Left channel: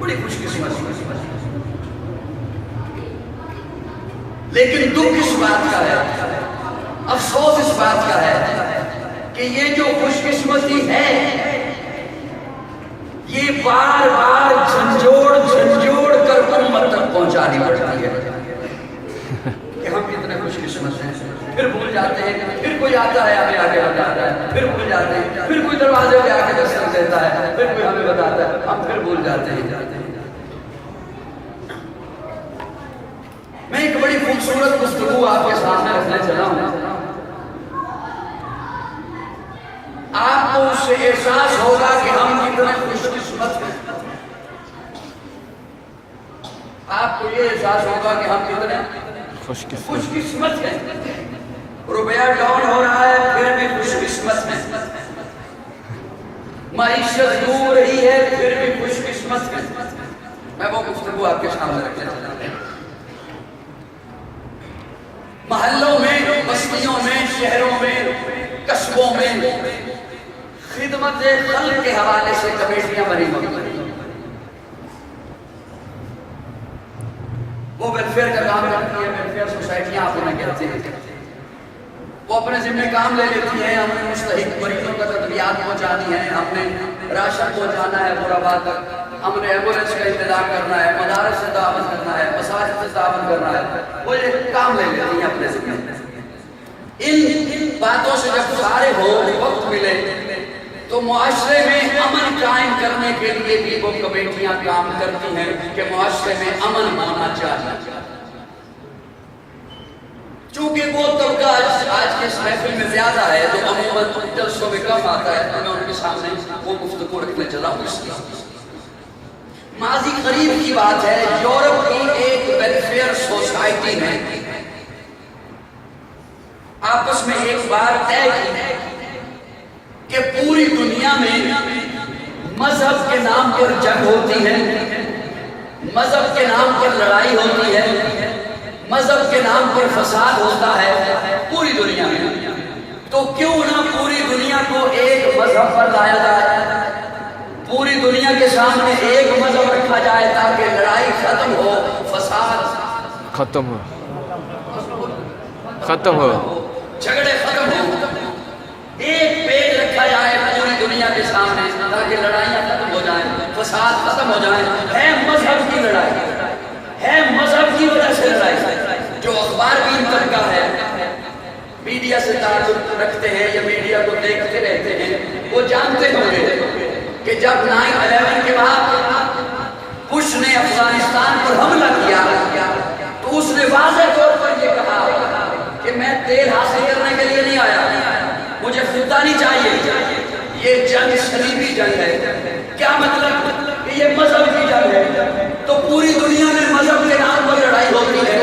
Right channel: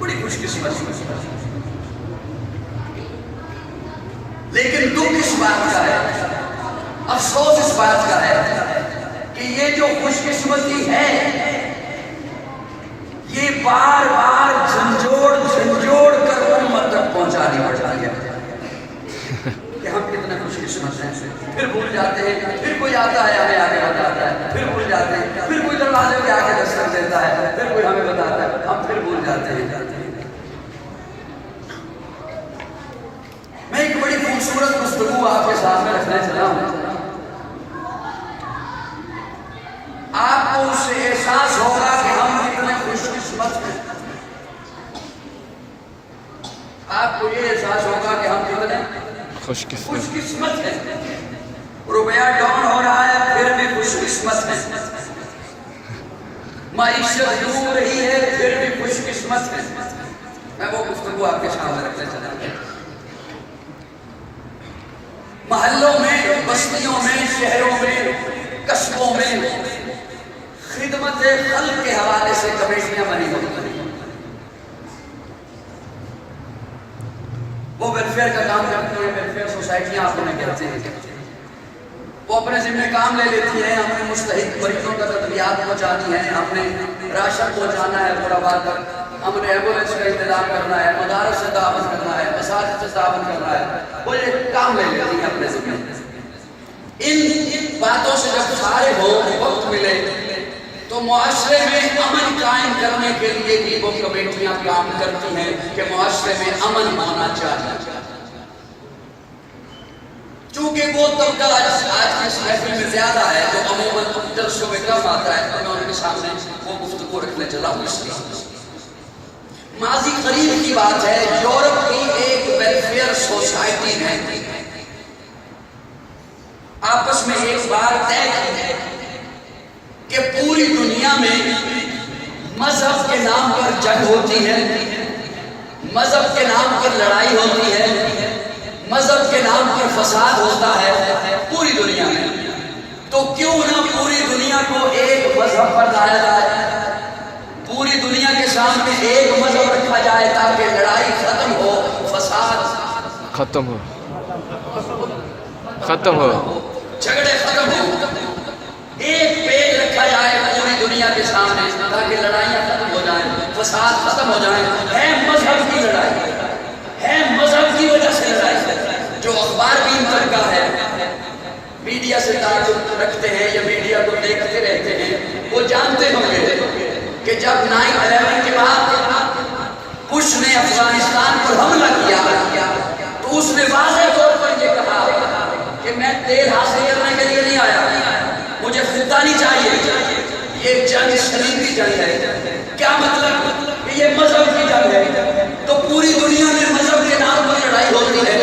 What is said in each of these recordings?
بڑی خوش قسمت. لیکن دکھ اس بات کا ہے، افسوس اس بات کا ہے کہ یہ جو خوش قسمتی ہے یہ بار بار جھنجھوڑ کر امت تک پہنچانی پڑتی ہے کہ ہم کتنے خوش قسمت ہیں. پھر بھول جاتے ہیں، پھر کوئی آتا ہے ہمیں آگے بتاتا ہے، پھر بھول جاتے ہیں، پھر کوئی دروازے پہ آ کے دستک دیتا ہے، پھر کوئی ہمیں بتاتا ہے، ہم پھر بھول جاتے ہیں. میں ایک بڑی خوبصورت گفتگو آپ کے سامنے رکھنا چلا ہوں. آپ کو اس سے احساس ہوگا کہ ہم کتنے خوش قسمت ہیں. آپ کو یہ احساس ہوگا کہ ہم کتنے خوش قسمت ہیں. روپیہ ڈاؤن ہو رہا ہے پھر بھی خوش قسمت ہیں. معیشت ڈوب رہی ہے پھر بھی خوش قسمت ہیں. میں وہ گفتگو آپ کے سامنے رکھنا چاہتا ہوں. محلوں میں، بستیوں میں، شہروں میں، قصبوں میں خدمت خلق کے حوالے سے کمیٹیاں بنی ہوئی ہیں. وہ ویلفیئر کا کام کرتی ہیں، ویلفیئر سوسائٹیاں آپ انہیں کہتے ہیں. وہ اپنے ذمہ کام لے لیتی ہیں، ہم نے مستحق مریضوں تک ادویات پہنچانی ہے، ہم نے راشن پہنچانا ہے پوراباد تک، ہم نے ایمبولینس کا انتظام کرنا ہے، مدارس سے تعاون کرنا ہے، مساجد سے تعاون کرنا ہے. وہ یہ کام لے لیتی ہیں اپنے ذمہ. ان باتوں سے جب فارغ ہو، وقت ملے تو معاشرے میں امن قائم کرنے کے لیے بھی وہ کمیٹیاں کام کرتی ہیں کہ معاشرے میں امن ہونا چاہیے. چونکہ وہ طبقہ آج کے اس محفل میں زیادہ ہے جو عموماً جلسوں میں کم آتا ہے، تو میں ان کے سامنے وہ گفتگو رکھنے چلا ہوں. اس لیے ماضی قریب کی بات ہے، یورپ کی ایک ویلفیئر سوسائٹی نے آپس میں ایک بار طے کی کہ پوری دنیا میں مذہب کے نام پر جنگ ہوتی ہے، مذہب کے نام پر لڑائی ہوتی ہے، مذہب کے نام پر فساد ہوتا ہے پوری دنیا میں. تو کیوں نہ پوری دنیا کو ایک مذہب پر لایا جائے، پوری دنیا کے سامنے ایک مذہب رکھا جائے تاکہ لڑائی ختم ہو، فساد ختم ہو، جھگڑے ختم ہو. ایک پیج رکھا جائے پوری دنیا کے سامنے تاکہ لڑائیاں ختم ہو جائیں، فساد ختم ہو جائیں. ہے مذہب کی لڑائی، ہے مذہب کی وجہ سے لڑائی. جو اخبار بھی ان طبقہ ہے، میڈیا سے تعلق رکھتے ہیں یا میڈیا کو دیکھتے رہتے ہیں، وہ جانتے ہوں گے کہ جب 9/11 کے بعد بش نے افغانستان پر حملہ کیا تو اس نے واضح طور پر یہ کہا کہ میں تیل حاصل کرنے کے لیے نہیں آیا، مجھے فتنہ نہیں چاہیے. یہ جنگ صلیبی جنگ ہے. کیا مطلب کہ یہ مذہب کی جنگ ہے. تو پوری دنیا میں مذہب کے نام پر لڑائی ہوتی ہے،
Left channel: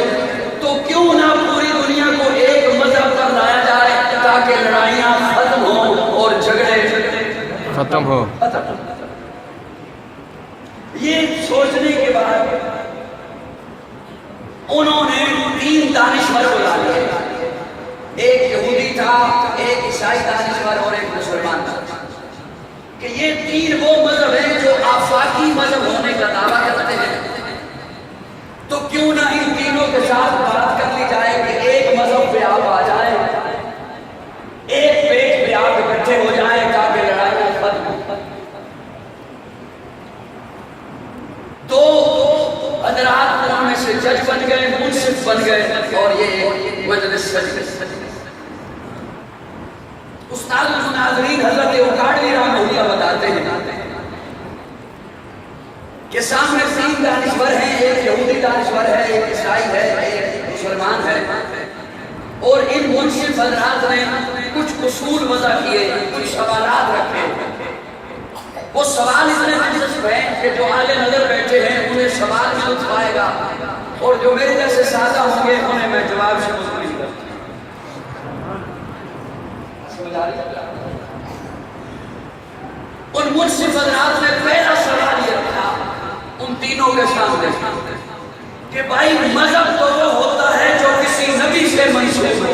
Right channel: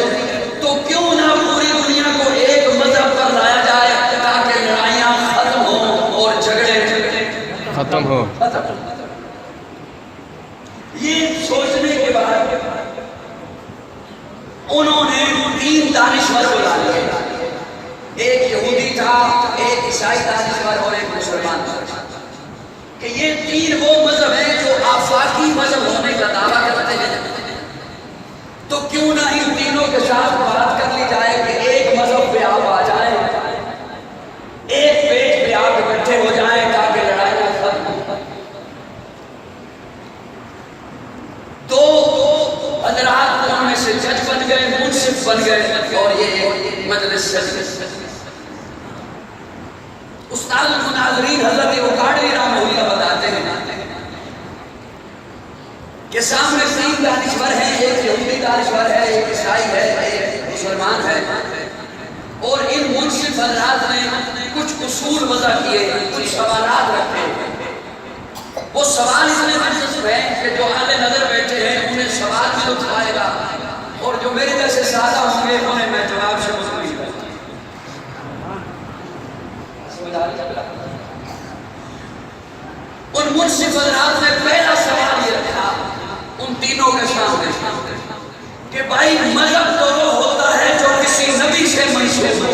تو کیوں نہ پوری دنیا کو ایک مذہب پر لایا جائے تاکہ لڑائیاں ختم ہوں اور جھگڑے ختم ہو. یہ سوچنے کے بعد انہوں نے 3 دانشور بلا لیے. ایک یہودی تھا، ایک عیسائی دانشور اور ایک مسلمان تھا کہ یہ 3 وہ مذہب ہیں جو آفاقی مذہب ہونے کا دعویٰ کرتے ہیں. تو کیوں نہ ان تینوں کے ساتھ بات کر لی جائے کہ ایک مذہب پہ آپ آ جائیں، ایک پیج پہ آپ اکٹھے ہو جائیں تاکہ لڑائی ختم ہو. 2 حضرات ان میں سے جج بن گئے، منصف بن گئے اور یہ مجلس سج. استاد المناظرین حضرت اوقاڑوی رحمہ اللہ بتاتے ہیں کہ سامنے 3 دانشور ہیں، ایک یہودی دانشور ہے، ایک عیسائی ہے، ایک مسلمان ہے، اور ان منصف حضرات نے کچھ اصول وضع کیے، کچھ سوالات رکھے. وہ سوال اتنے دلچسپ ہیں کہ جو اہل نظر بیٹھے ہیں انہیں سوال میں لطف آئے گا، اور جو میرے جیسے سادہ ہوں گے انہیں میں جواب سے مطمئن کروں. ان منصف حضرات نے پہلا سوال یہ رکھا ان تینوں کے سامنے کہ بھائی مذہب تو وہ ہوتا ہے جو کسی نبی سے منسوب ہو.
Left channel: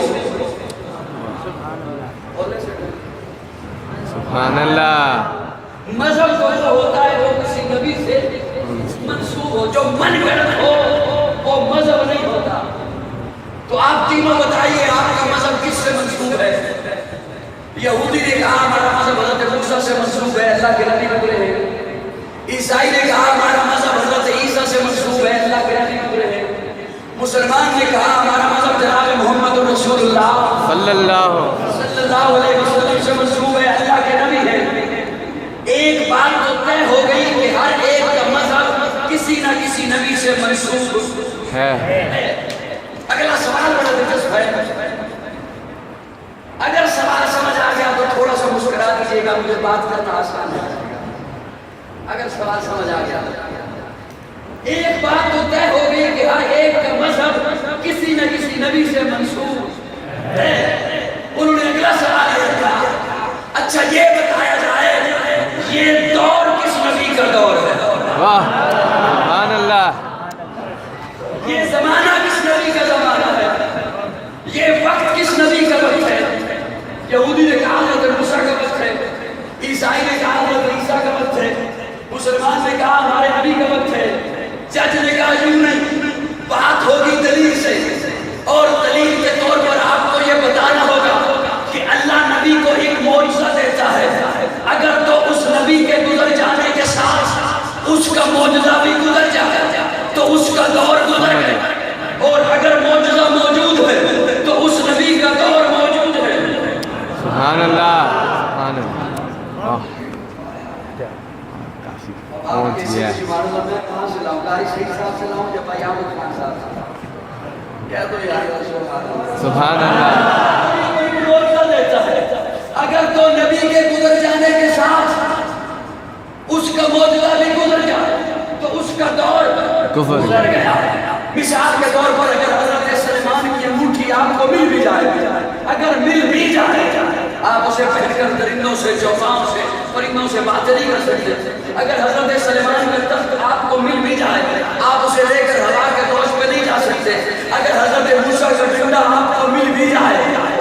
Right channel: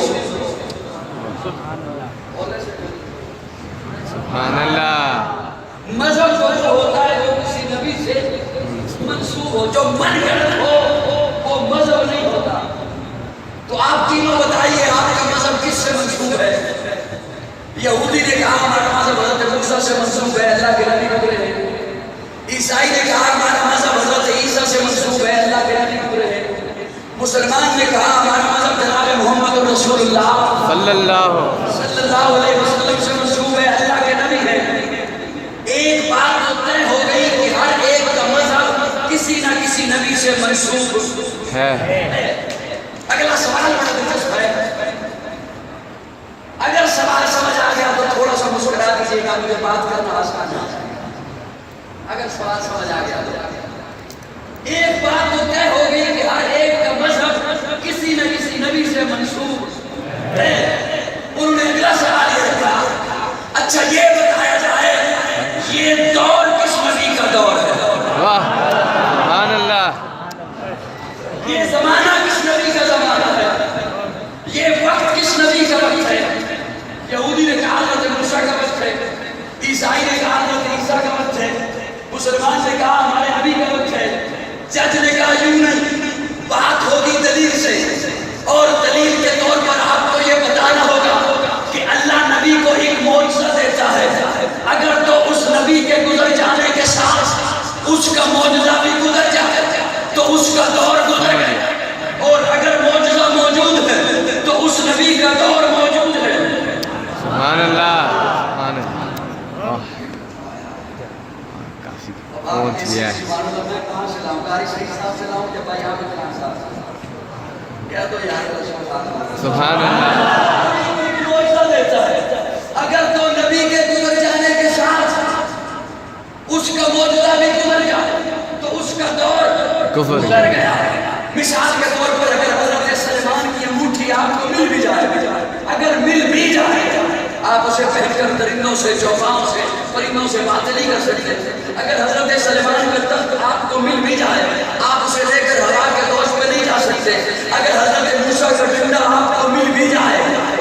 سبحان اللہ. مذہب تو وہ ہوتا ہے جو کسی نبی سے جو من گھڑت ہو وہ مذہب نہیں ہوتا. تو آپ تینوں بتائیے آپ کا مذہب کس سے منسوب ہے؟ یہودی نے کہا ہمارا مذہب حضرت موسیٰ سے منسوب ہے، اللہ کے نبی گزرے ہیں. عیسائی نے کہا ہمارا مذہب حضرت عیسیٰ سے منسوب ہے، اللہ کے نبی گزرے ہیں. مسلمان نے کہا ہمارا مذہب جناب محمد رسول اللہ صلی اللہ علیہ وسلم سے منسوب ہے، اللہ کے نبی ہے. ایک بات تو طے ہو گئی کہ ہر ایک کا مذہب کسی نہ کسی نبی سے منسوب ہے. اگلا سوال بڑا دلچسپ ہے. اگر سوال سمجھ آ گیا تو تھوڑا سا مسکرا دیجیے گا، مجھے بات کرنا آسان ہے. اگر سوال سمجھ آ گیا، ایک بات تو طے ہو گئی کہ ہر ایک کا مذہب کسی نہ کسی نبی سے منسوب ہے. انہوں نے اگلا سوال یہ رکھا، اچھا یہ بتایا جائے یہ دور کس نبی کا دور ہے؟ واہ سبحان اللہ. یہ زمانہ کس نبی کا زمانہ ہے؟ یہ وقت کس نبی کا وقت ہے؟ یہودی نے کہا حضرت موسیٰ کا وقت ہے، عیسائی نے کہا حضرت عیسیٰ کا وقت ہے، مسلمان نے کہا ہمارے نبی کا وقت ہے. جج نے کہا یوں نہیں، بات ہوگی دلیل سے، اور دلیل کے طور پر آپ کو یہ بتانا ہوگا کہ اللہ نبی کو ایک معجزہ دیتا ہے. اگر تو اس نبی کے گزر جانے کے ساتھ اس کا معجزہ بھی گزر جائے تو اس کا دور گزر گیا، اور اگر معجزہ موجود ہے تو اس نبی کا دور موجود ہے. سبحان اللہ سبحان اللہ. کافی پہنچ گیا ہے. سبحان اللہ. اگر تو نبی کے گزر جانے کے ساتھ اس کا معجزہ بھی گزر جائے تو اس کا دور گزر گیا. مثال کے طور پر اگر حضرت سلیمان کی انگوٹھی آپ کو مل بھی جائے، اگر مل بھی جائے آپ اسے پہن کر درندوں سے چوپاؤں سے پرندوں سے بات نہیں کر سکتے. اگر حضرت سلیمان کا تخت آپ کو مل بھی جائے آپ اسے لے کر ہوا کے گوشت پہ نہیں جا سکتے. اگر حضرت موسیٰ کا ڈنڈا آپ کو مل بھی جائے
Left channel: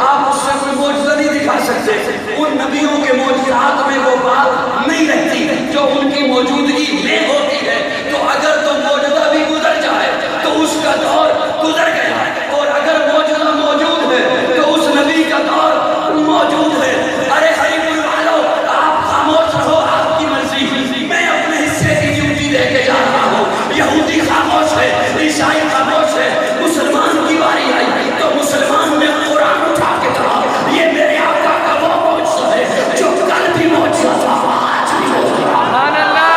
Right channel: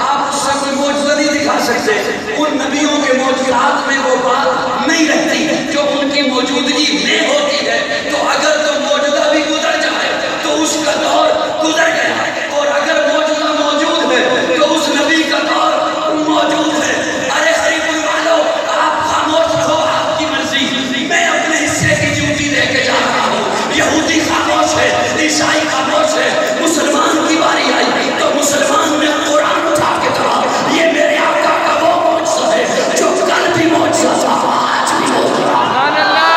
آپ اس سے کوئی معجزہ نہیں دکھا سکتے. ان نبیوں کے معجزات میں وہ بات نہیں رہتی جو ان کی موجودگی میں ہوتی ہے. تو اگر تو معجزہ بھی گزر جائے تو اس کا دور گزر گیا، اور اگر معجزہ موجود ہے تو اس نبی کا دور موجود ہے. ارے ہری پور والوں، آپ خاموش رہو، آپ کی مرضی. میں اپنے حصے کی ڈیوٹی لے کے جا رہا ہوں. یہودی خاموش ہے، عیسائی خاموش ہے، مسلمان کی باری آئی تو مسلمان نے قرآن اٹھا کے کہا یہ میرے آقا کا وہ معجزہ ہے جو کل بھی معجزہ تھا آج بھی معجزہ. سبحان اللہ.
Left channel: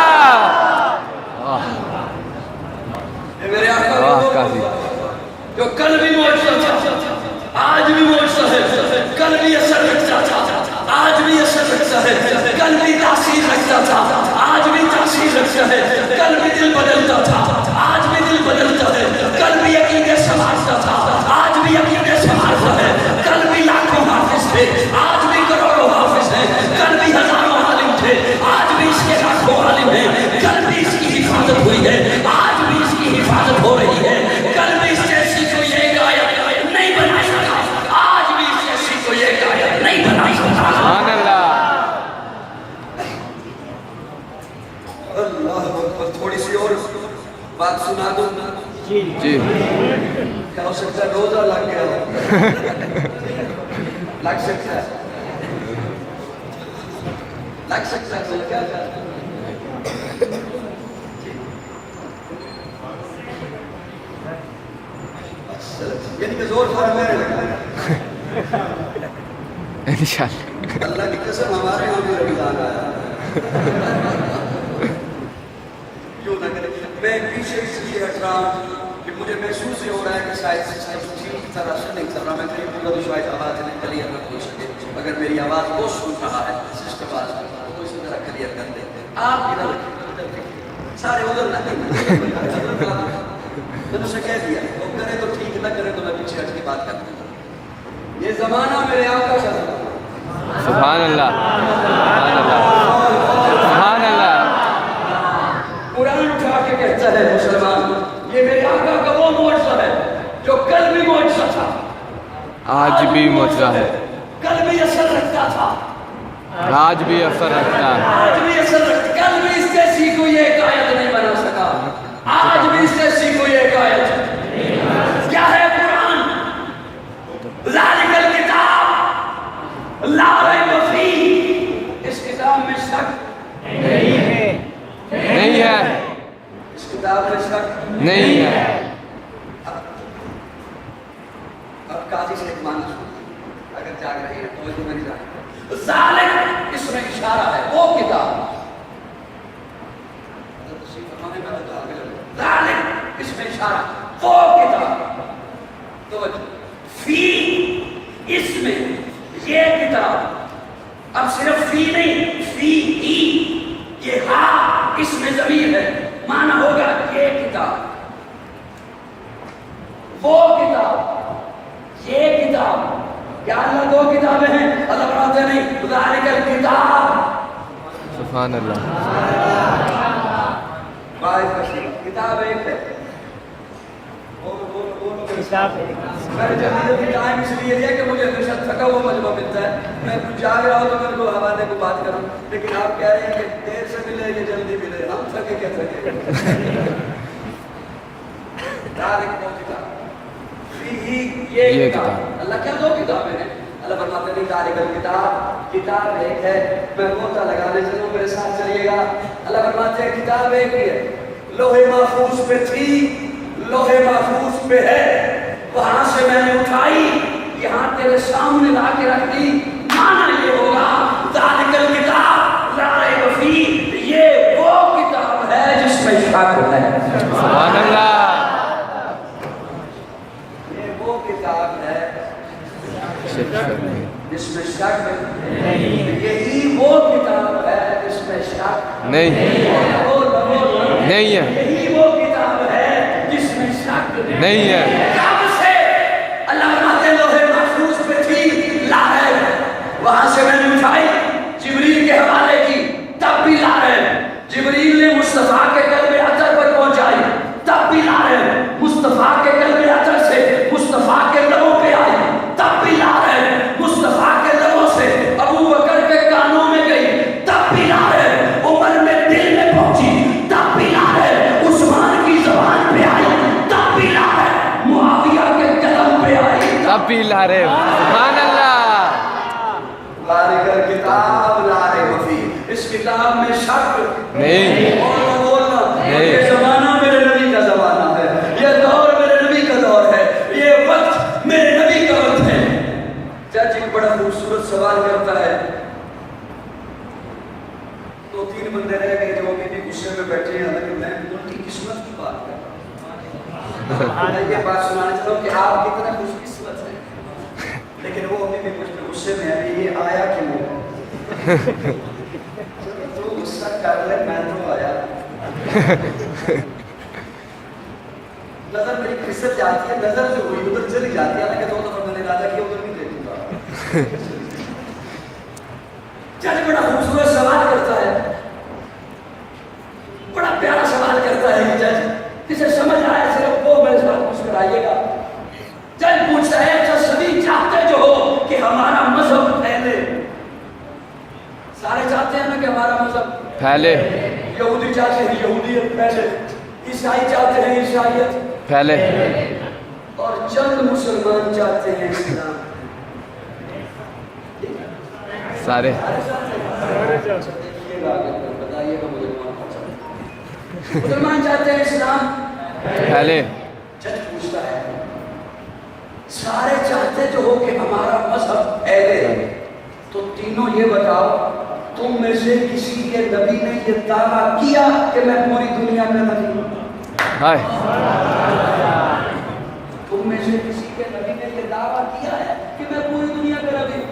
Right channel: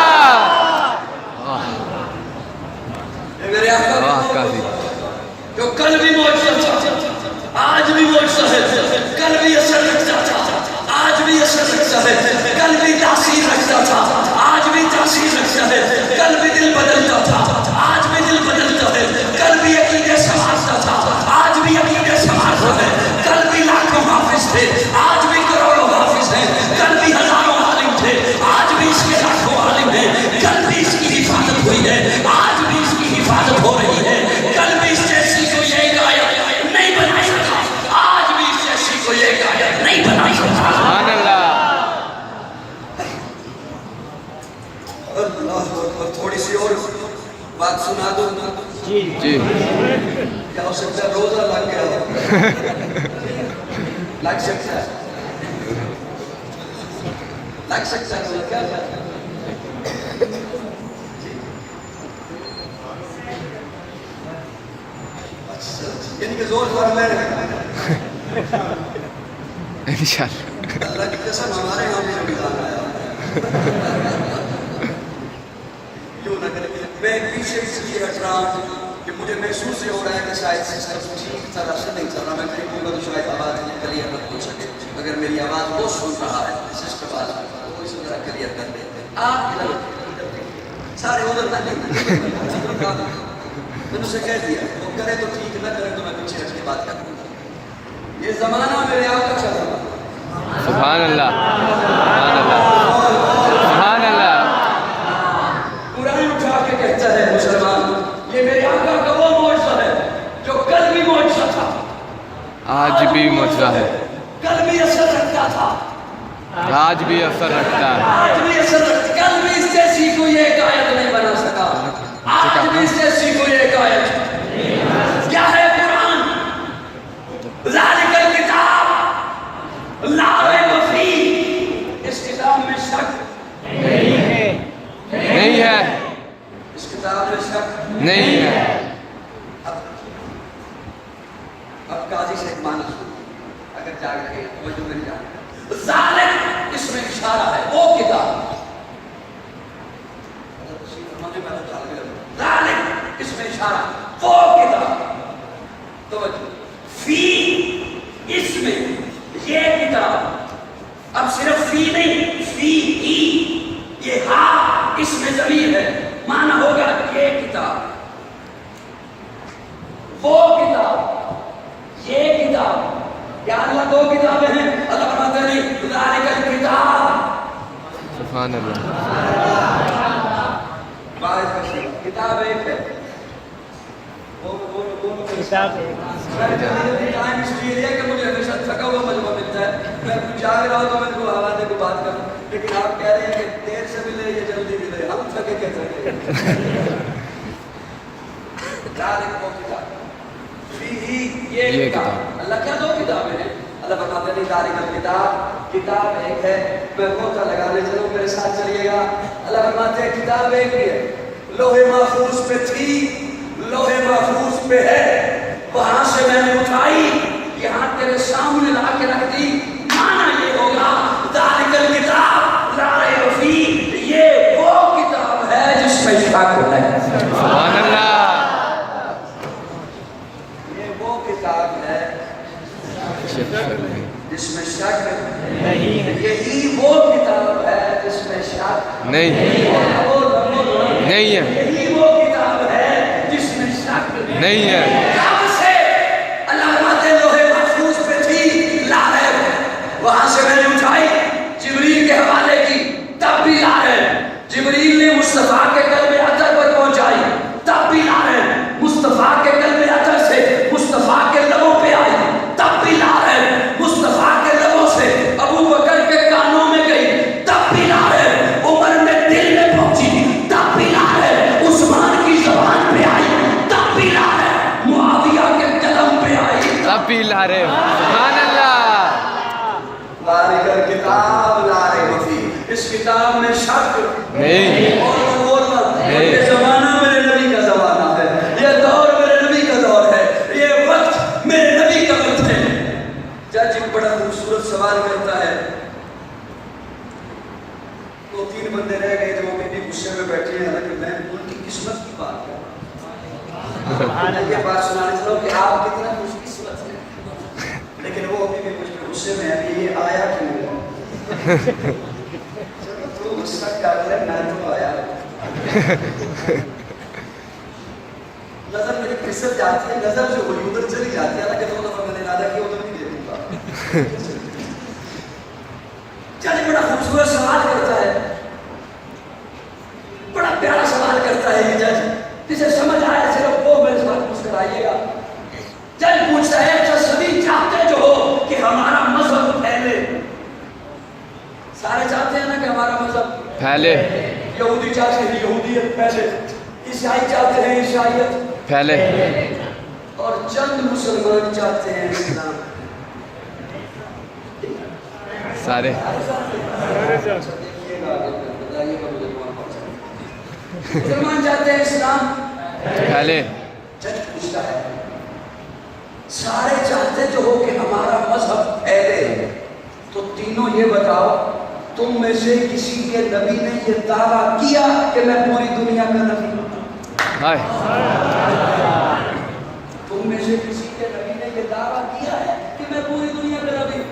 میرے آقا کافی جو کل بھی معجزہ تھا آج بھی معجزہ ہے، کل بھی اثر رکھتا تھا آج بھی اثر رکھتا ہے، کل بھی تاثیر رکھتا تھا آج بھی تاثیر رکھتا ہے، کل بھی دل بدلتا تھا آج بھی دل بدلتا ہے، کل بھی عقیدے سنبھالتا تھا آج بھی عقیدے سنبھالتا ہے، کل بھی لاکھوں حافظ تھے آج بھی کروڑوں حافظ ہیں، کل بھی ہزاروں عالم تھے آج بھی اس کے لاکھوں عالم ہیں، کل بھی اس کی حفاظت ہوئی ہے آج بھی اس کی حفاظت ہو رہی ہے. کل بھی اس جیسی کوئی ایک آیت نہیں بنا سکا آج بھی اس جیسی کوئی ایک آیت نہیں بنا سکا. سبحان اللہ. اللہ اکبر. تھوڑی سی اور بات سنا دوں جی کیا ہو سکتا ہے روزہ لگ گیا لگ سکتا ہے کیا یعنی کہ زور زور میں انشاءاللہ. اللہ کی قسم ہمارے یہاں بھی رمضان آیا. کیوں نہ کریں. میں پیچھے اس لیے ہٹ رہا ہوں کہ مجھے محسوس یہ ہو رہا ہے کہ شاید ٹھیک طرح سے نہیں چل رہا. میں کہیں بولوں تو شاید آواز نہیں کلیئر نہ ہو سکے. اگر میری آواز وہ سن رہا ہے سسٹم آواز میں تو اسی طرح کلیئر کر دیں. آپ ادھر سارے ادھر نہ میں نے اسے کہہ دیا وہ کرے تو ٹھیک نہ کرے تو میں پیچھے ہٹ کے بات کروں. یہ زمانہ میرے آقا کا زمانہ. سبحان اللہ سبحان اللہ سبحان اللہ. قرآن اٹھا کے کہتا ہے مسلمان یہ میرے آقا کا وہ معجزہ ہے جو کل بھی معجزہ تھا آج بھی معجزہ ہے، کل بھی اثر رکھتا تھا آج بھی اثر رکھتا ہے. آج بھی اثر رکھتا. کل بھی اس جیسی کوئی ایک آیت نہیں بنا سکا آج اس کتاب میں شک نہیں ہے. اب قاضی سے ایک معنی سنو اگر جاگ رہے ہیں توجہ میری جان. ظالم اس میں اشارہ ہے وہ کتاب. ظالم اس میں اشارہ وہ کتاب. توجہ فی اس میں یہ کتاب. اب صرف فی نہیں فی ای یہ ہاں اس میں ضمیر ہے. معنی ہوگا یہ کتاب وہ کتاب یہ کتاب. یا اللہ دو کتابیں ہیں اللہ فرماتے نہیں ذالک الکتاب. سبحان اللہ. کتاب ایک ہے. ٹائم اس لیے لیا کہ مجھے ہمیشہ تھکا ہوا مجمع ملتا ہے. میں کچھ جاگ رہا ہوں تو میرے کو حوالے کو بات کروں. لیکن آپ کہہ رہے ہیں کہ دیر سے ملے یا جلدی ملے. ہم تھکے کیا تھکے. یہ کتاب اللہ کیا دو کتابیں ہیں. اللہ فرماتے ہیں ذالک الکتاب کتاب ایک ہے. میں موتا لگانے چلوں میرے ساتھ چلیے گا. اللہ فرماتے ہیں کتاب ایک ہے. لوح محفوظ پہ تھی لوح محفوظ پہ ہے. وہاں سے میں نے اٹھائی یہاں تیرے سامنے لا کے رکھ دی. معنی یہ ہوگا ذالک الکتاب لا ریب فیہ یہ وہ کتاب ہے جس میں شک ہے. سبحان اللہ. یہ وہ کتاب ہے جس میں شک نہیں. یہی وہ کتاب ہے جس میں شک نہیں نہیں ہے. یہی وہ کتاب ہے جس میں شک نہیں ہے. کہاں سے اللہ فرماتے ہیں لوح محفوظ پہ تھی لا ریب. وہاں سے میں نے اٹھائی جبریل کے حوالے کی تب بھی لا ریب. جبریل نے مصطفیٰ کے قلب اطہر پر پہنچائی تب بھی لا ریب. مصطفیٰ کے قلب اطہر سے مصطفیٰ کے لبوں پہ آئی تب بھی لا ریب. مصطفیٰ کے لبوں سے ابو بکر کے کانوں میں گئی تب بھی لا ریب. عمر میں دل میں پہنچی تب بھی لا ریب. عثمان کی زبان پہ آئی تب بھی لا ریب. معاویہ کے قلم پہ آئی تب بھی لا رہے. سبحان اللہ. ذالک الکتاب لا ریب فیہ. اس کتاب میں شک نہیں. اور بولنا یہ زمانہ میرے نبی کا زمانہ ہے. یہ دور میرے نبی کا دور ہے. یہ وقت میرے نبی کا وقت ہے. جج ایک بڑا خوبصورت سوال کرتا ہے. دو تین بندے رہ گئے جو کہ غصے میں بیٹھے ہیں لیکن میں ان کی قسمت کی بات کر رہا ہوں. میں یہ بات سنانے چاہوں کہ آپ کتنا خوش قسمت ہیں. لیکن وہ ابھی بھی کچھ غصے میں ہے. یہ آیا کیوں تو غصہ کر رہے میں تو آیا. نظر میری قسمت جاتی ہے. نظر جو ہوئی ادھر چلی جاتی ہے کہ دو دفعہ میں نے ارادہ کیا ادھر بھی دیکھوں گا. جج بڑا خوبصورت سوال کرتا ہے. بڑا پیارا سوال کرتا ہے یہ جج. کسے سمجھ آیا صرف وہ میرے ساتھ مسکرائیے گا. جج پوچھتا ہے اچھا سبھی چاہتے جو ہو کہ ہمارا مذہب پھیلے. سارے چاہتے ہیں نا کہ ہمارا مذہب پھیلے. یہودی چاہتے ہیں یہودیت پھیلے. عیسائی چاہتے ہیں عیسائیت پھیلے. اور چند مسلمان چاہتے ہیں اسلام. سارے مسلمان چاہتے ہیں اسلام پھیلے. جج پوچھتا ہے سارے چاہتے تو ہو کہ ہمارا مذہب پھیلے تو تینوں یہ بتاؤ تم میں سے کسی کے نبی نے یہ دعویٰ کیا کہ میں پوری دنیا کا نبی ہوں؟ ہائے. تم میں سے کسی کے نبی نے یہ دعویٰ کیا ہے کہ میں پوری دنیا کا نبی ہوں؟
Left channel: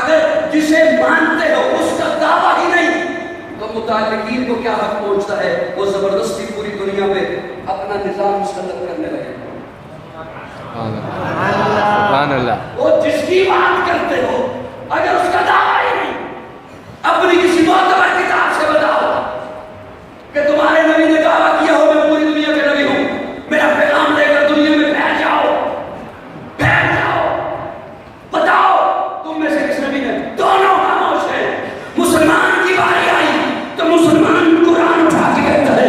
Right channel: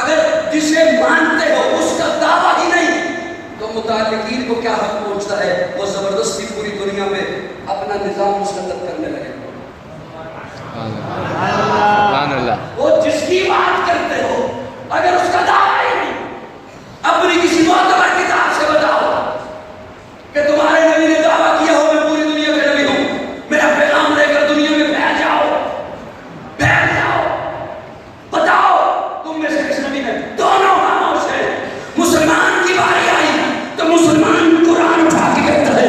اگر جسے مانتے ہو اس کا دعویٰ ہی نہیں تو متعلقین کو کیا حق پہنچتا ہے وہ زبردستی پوری دنیا میں اپنا نظام مسلط کرنے لگے. سبحان اللہ. وہ جس کی بات کرتے ہو اگر اس کا دعویٰ ہی نہیں اپنی کسی معتبر کتاب سے بتاؤ کہ تمہارے نبی نے دعویٰ کیا ہو میں پوری دنیا کا نبی ہوں. میرا پیغام لے کر دنیا میں پھیل جاؤ. بتاؤ تم میں سے کس نبی نے. دونوں ہاتھوں سے مسلمان کی باری آئی تو مسلمان قرآن اٹھا کے کہتا ہے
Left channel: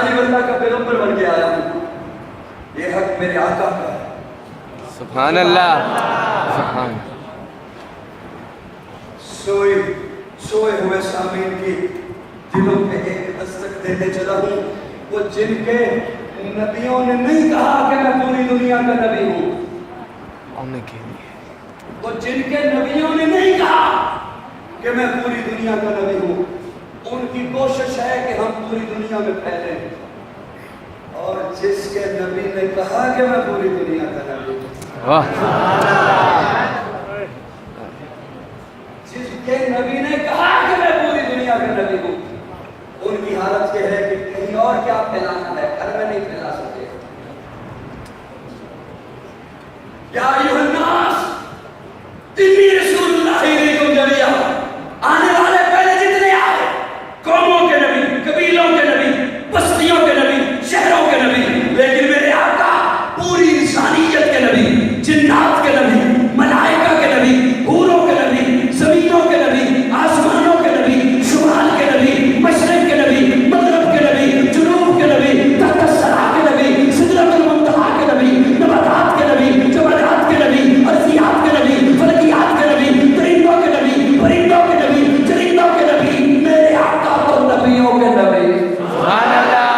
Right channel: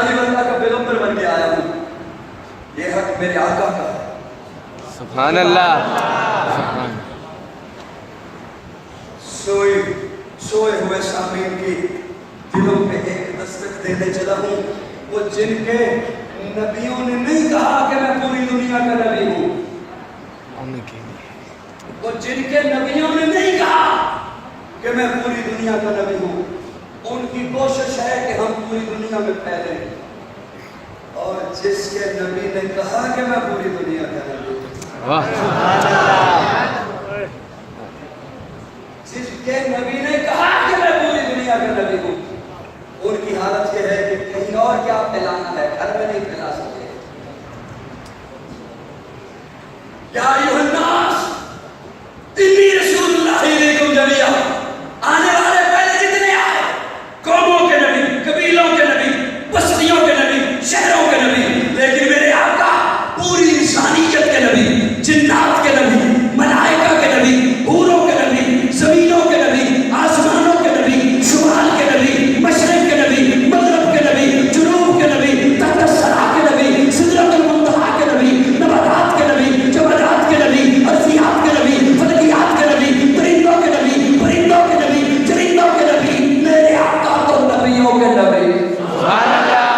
جانب اللہ کا پیغمبر بن کے آیا ہوں. یہ حق میرے آقا کا. سبحان اللہ. سبحان. سوئے ہوئے سامعین کی دلوں پہ ایک دستک دینے چلا ہوں. وہ جن کے نبیوں نے نہیں کہا کہ میں پوری دنیا کا نبی ہوں. وہ جن کے نبیوں نے نہیں کہا کہ میں پوری دنیا کا نبی ہوں. ان کی کوشش ہے کہ ہم پوری دنیا میں پھیلیں. اور جس کے نبی نے کہا کہ میں پوری دنیا کا نبی ہوں, جس کے نبی نے کہا کہ میں پوری دنیا کا نبی ہوں, ان کی حالت یہ ہے کہ کہیں اور کیا پھیلانا ہے, گھر میں نہیں پھیلا سکتے. یا ایھا الناس انی رسول اللہ الیکم جمیعا. آنے والے پہلے جتنے آئے, قوموں کے نبی, قبیلوں کے نبی, بستیوں کے نبی, شہروں کے نبی, لیکن میرے آقا پوری انسانیت کے نبی, جنات کے نبی, ملائکہ کے نبی, حوروں کے نبی, زمینوں کے نبی, آسمانوں کے نبی, شمال کے نبی, مشرق کے نبی, مغرب کے نبی, جنوب کے نبی, تحت الثری کے نبی, سدرۃ المنتہی کے نبی, نباتات کے نبی, جمادات کے نبی, ارضیات کے نبی, فلکیات کے نبی, پرندوں کے نبی, پرندوں کے نبی, چرندوں کے نبی, میرے آقا تو نبیوں کے نبی. سبحان اللہ.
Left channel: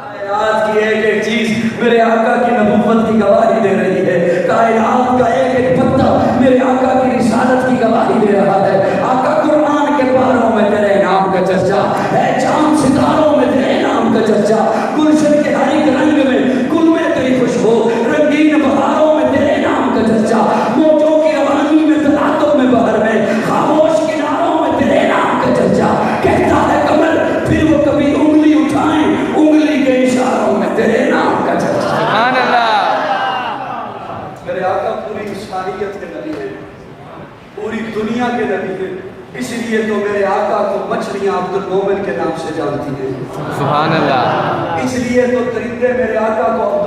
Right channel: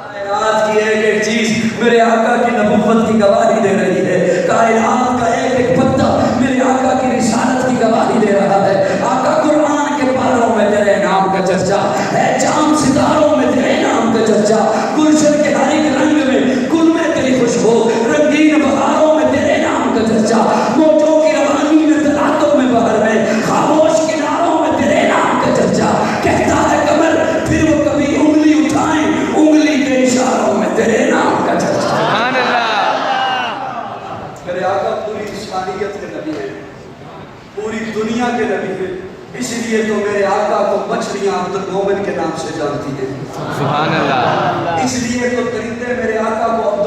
کائنات کی ایک ایک چیز میرے آقا کی نبوت کی گواہی دے رہی ہے. کائنات کا ایک ایک پتا میرے آقا کی رسالت کی گواہی دے رہا ہے. آقا قرآن کے پاروں میں تیرے نام کا چرچا ہے, چاند ستاروں میں تیرے نام کا چرچا, گلشن کے ہر ایک رنگ میں گل میں تیری خوشبو, رنگین بہاروں میں تیرے نام کا چرچا, موجوں کی روانی میں تلاطم میں بہر میں, خاموش کناروں میں تیرے نام کا چرچا. کہتا ہے قمر پھر وہ کبھی انگلی اٹھائیں, انگلی کے اشاروں میں تیرے نام کا چرچا. سبحان اللہ. میرے آقا پوری انسانیت کے نبی ہے, پوری دنیا کے نبی ہے. اسی لیے تو میرے آقا کو مچھلیاں عبد المومن کے نام سے جانتی ہیں. سبحان اللہ. اس لیے تو درندے میرے آقا کو عبد